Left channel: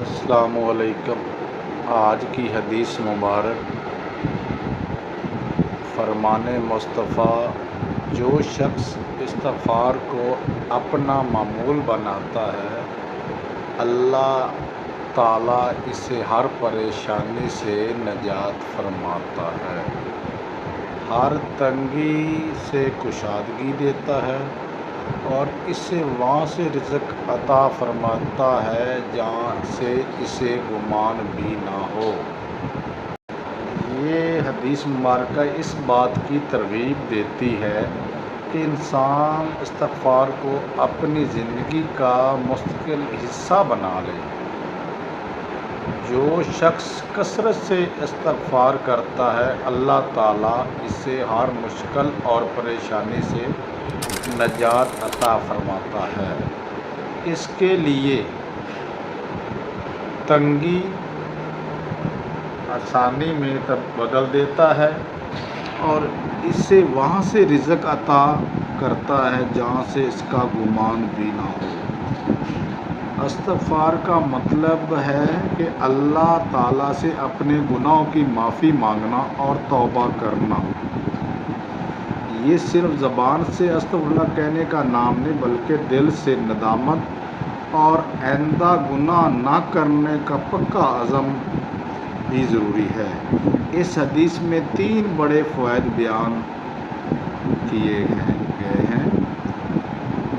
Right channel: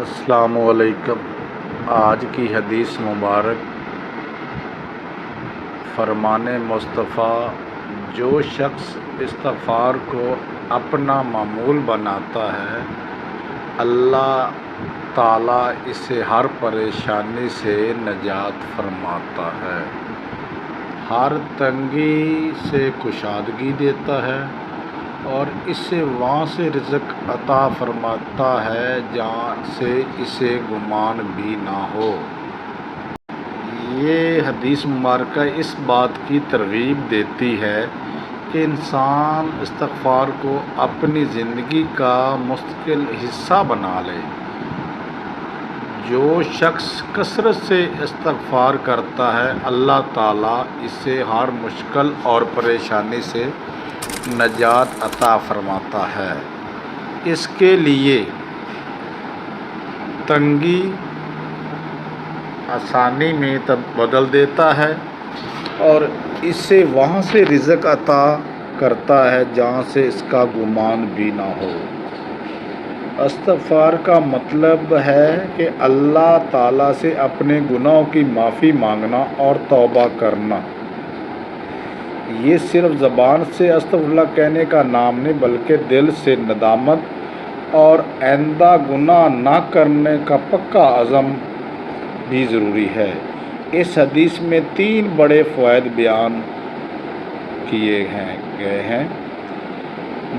السلام علیکم۔ آج کی حدیث مبارک فرمان مصطفیٰ: جو شخص استغفار کو اپنا معمول بناتا ہے، اللہ تعالیٰ اسے ہر پریشانی سے نجات فرماتا ہے، ہر تنگی سے کشادگی دیتا ہے اور اسے وہاں سے رزق عطا فرماتا ہے جہاں سے اسے گمان بھی نہ ہو۔ یہ حدیث مبارکہ اس بات کی ترغیب دیتی ہے کہ انسان استغفار کو اپنی زندگی کا مستقل حصہ بنا لے۔ جو شخص کثرت سے استغفار کرتا ہے، اللہ تعالیٰ اسے ہر مشکل اور پریشانی سے نجات عطا فرماتا ہے، اس کے لیے تنگی آسانی میں بدل دیتا ہے اور اسے وہاں سے رزق عطا کرتا ہے جہاں سے اس کا گمان بھی نہ ہو۔ استغفار کا مطلب ہے کہ اللہ تعالیٰ سے اپنے گناہوں کی معافی مانگنا اور توبہ کرنا۔ یہ صرف زبان سے استغفر اللہ کہنے کا نام نہیں، بلکہ دل سے ندامت اور آئندہ گناہ نہ کرنے کا پکا عزم بھی ضروری ہے۔ اس حدیث میں 3 بڑے فوائد بیان کیے گئے ہیں۔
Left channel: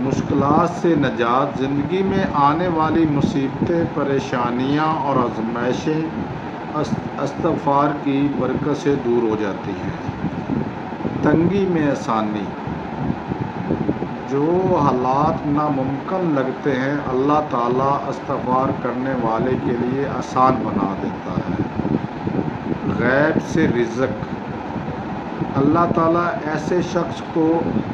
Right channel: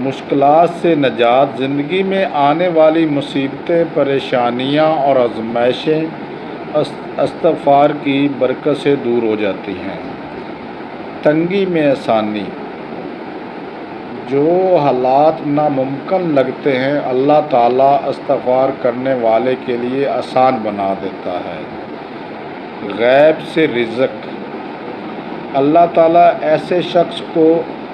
مشکلات سے نجات: زندگی میں آنے والی مصیبتیں، پریشانیاں اور آزمائشیں استغفار کی برکت سے دور ہو جاتی ہیں۔ تنگی میں آسانی: جو حالات ناممکن لگتے ہیں، اللہ تعالیٰ استغفار کرنے والے کے لیے آسان بنا دیتا ہے۔ غیب سے رزق: اللہ تعالیٰ ایسے شخص کو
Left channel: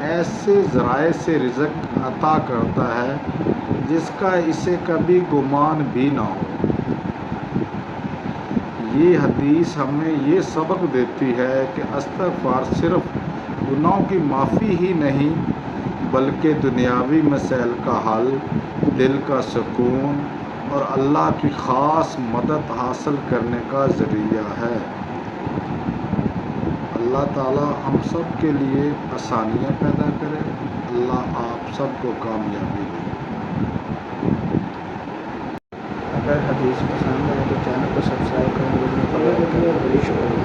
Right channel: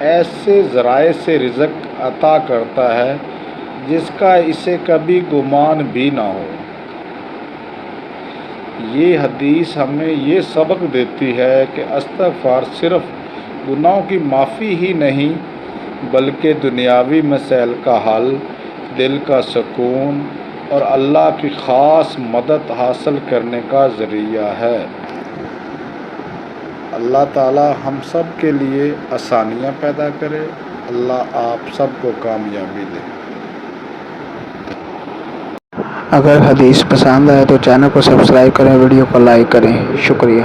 ایسے ذرائع سے رزق عطا کرتا ہے جس کا اسے کبھی گمان بھی نہ ہو۔ یہ حدیث ہمیں یہ سبق دیتی ہے کہ استغفار صرف گناہوں کی معافی ہی نہیں، بلکہ دنیاوی مسائل کا حل، دل کا سکون اور اللہ کی خاص مدد حاصل کرنے کا ذریعہ ہے۔ اللہ تعالیٰ ہم سب کے لیے آسانیاں پیدا کرے۔ اللہ آپ سب کو کامیابی دے۔ اگر حدیث پسند آئے تو چینل کو سبسکرائب کریں، ویڈیو کو لائک کریں۔ شکریہ۔